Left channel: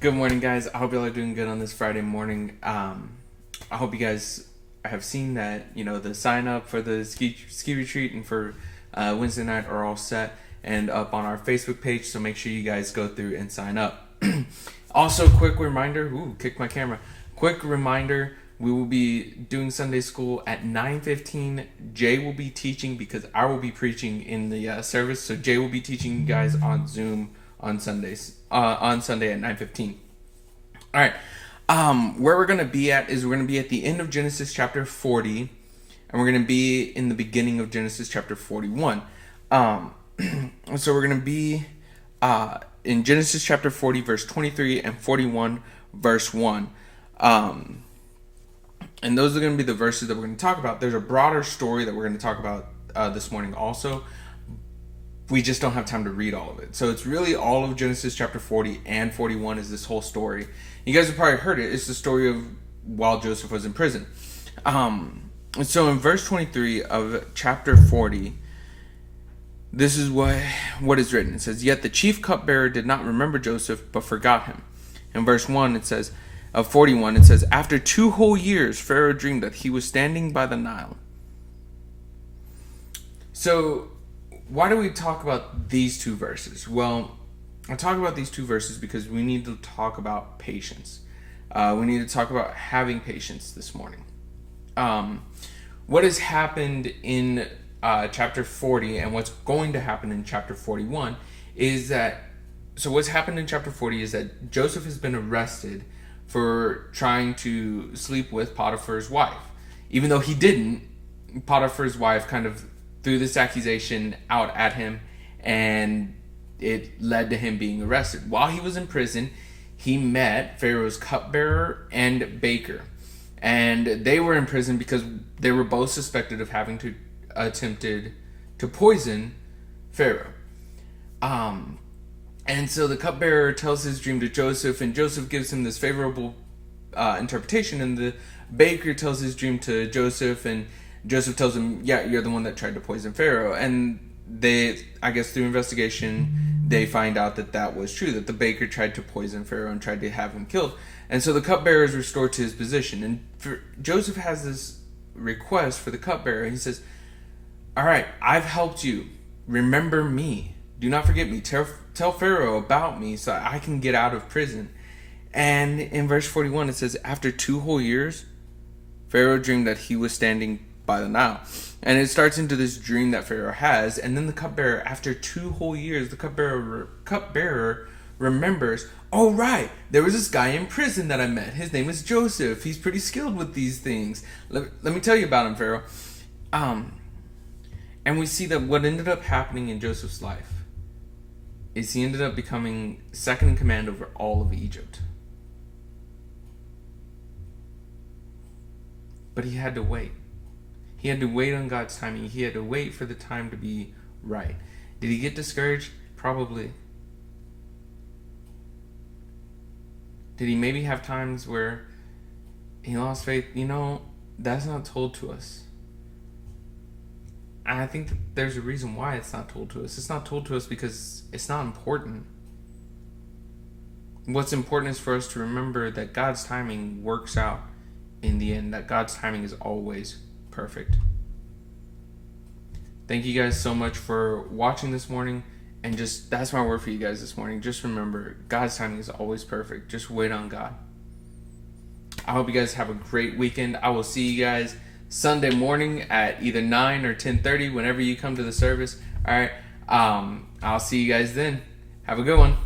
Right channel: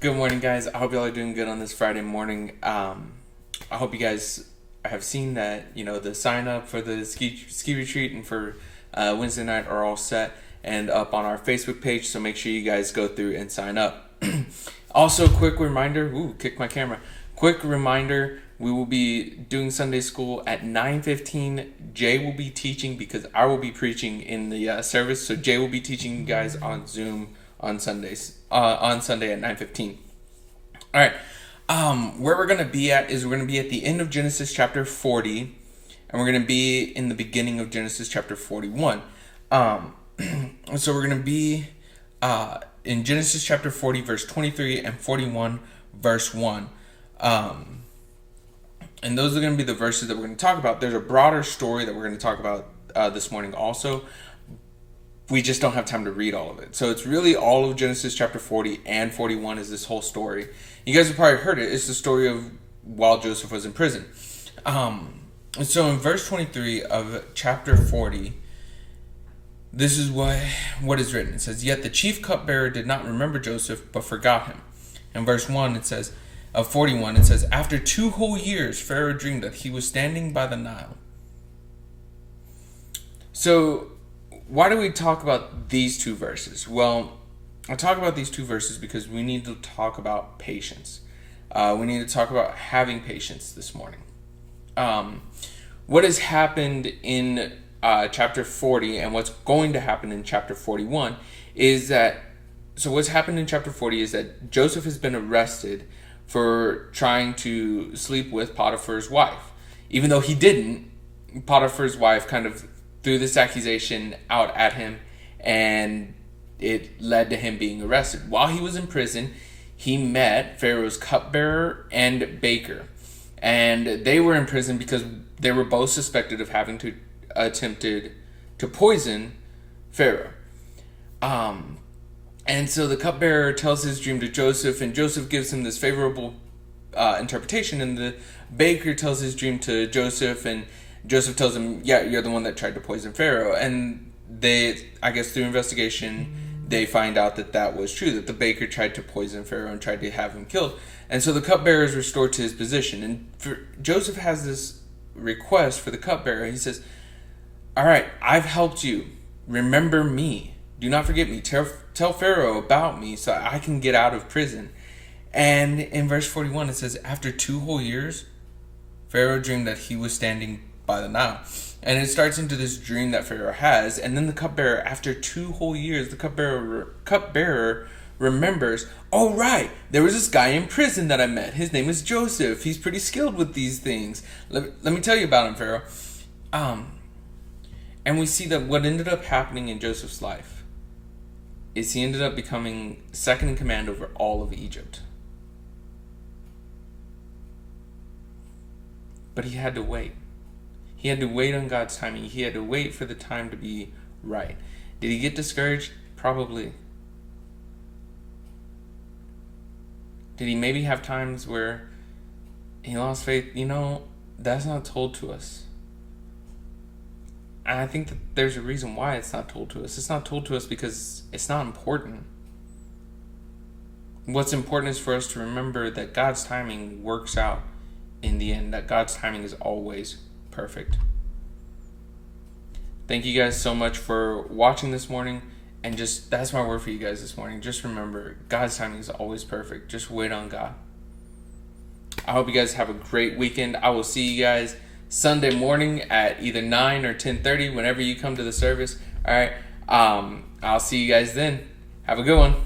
Good morning, guys. I hope y'all are doing good on this Friday morning. I hope you guys have seen that, the sign up for the ski retreat and for Wednesday night are all set and up on our Facebook page. So make sure you guys go through and sign up. Also, quick reminder. Kick my camera. Quick reminder. We will be doing Sunday school at 9:15. Jay will be teaching because I will be preaching in the service. So Jay will be teaching you guys on Zoom on Sundays. On Sunday at 9:15. All right. Where we're gonna be at is we're gonna be at the end of Genesis chapter 40, and we're gonna be in the beginning of Genesis chapter 41. So we're gonna be in Genesis chapter 40, verse 23, and 41, verse 1. And those are going to be the verses that we're going to talk about. There's a broader story that we're going to talk about this morning also. We just don't have time to read all of it. So it's really all of Genesis chapter 40 and 41 is this whole story. You guys have probably heard it. It's the story of while Joseph was in prison. So in verse 23 of chapter 40, this is what is written. It says, "Yet the chief cupbearer did not remember Joseph, but forgot him." In verse 1, it says, of 41, it says, "After 2 whole years, Pharaoh dreamed that he was standing by the Nile." So, why do we talk about these 2 verses? Well, I talk about these 2 verses because we need to talk about patience. We need to talk about having patience this morning. What has happened in chapter 40 and what's going to happen in chapter 41 is that, so what's happened in chapter 40 is that Joseph has been arrested for trying to sleep with Potiphar's wife. Even though he didn't, Potiphar's wife kind of threw this accusation out at him, and it led to him being arrested. While he was in prison, he met Pharaoh's cupbearer and baker. And they were in prison because they were both suspected of having attempted to poison Pharaoh. And so the cupbearer tells his dream to Joseph, and Joseph gives him this favorable interpretation, and the baker tells his dream to Joseph, and Joseph tells him, "Yeah, you're the one that tried to poison Pharaoh." And they, I guess through investigation, they find out that was true, that the baker tried to poison Pharaoh and tried to have him killed. And so the cupbearer is restored to his position. And Joseph has this request for the cupbearer. He says, "All right, I've helped you. Remember me. Do not forget me. Tell Pharaoh about me so I can get out of prison." And in verse 41, it says, "After 2 whole years, Pharaoh dreamed that he was standing by the Nile." And it starts into this dream that Pharaoh has. And then the cupbearer, after 2 whole years, the cupbearer remembers, "Oh, right, there was this guy in prison that I met. His name is Joseph. He's pretty skilled with these things. Let me tell you about him, Pharaoh." And we see that what ended up happening in Joseph's life is he ended up becoming second in command over all of Egypt. But he had to wait. He had to wait on God's timing. He had to wait for the time to be right. Did he get discouraged? Probably. Did he maybe have times where he lost faith? That's not told to us. And I think that there's a reason why it's not told to us. It's not told to us because it's not important. What's important is for us to remember that God's timing works out in the end, that God's timing is always perfect. Thank you guys so much for watching this morning. And that's my word for you guys this morning. Just remember, God's timing is always perfect. Just wait on God. I hope you guys have a great weekend. I will see you guys Sunday morning at either 9 or 10:30, whenever you come to the service. All right. I'll see you guys then. Have a good one.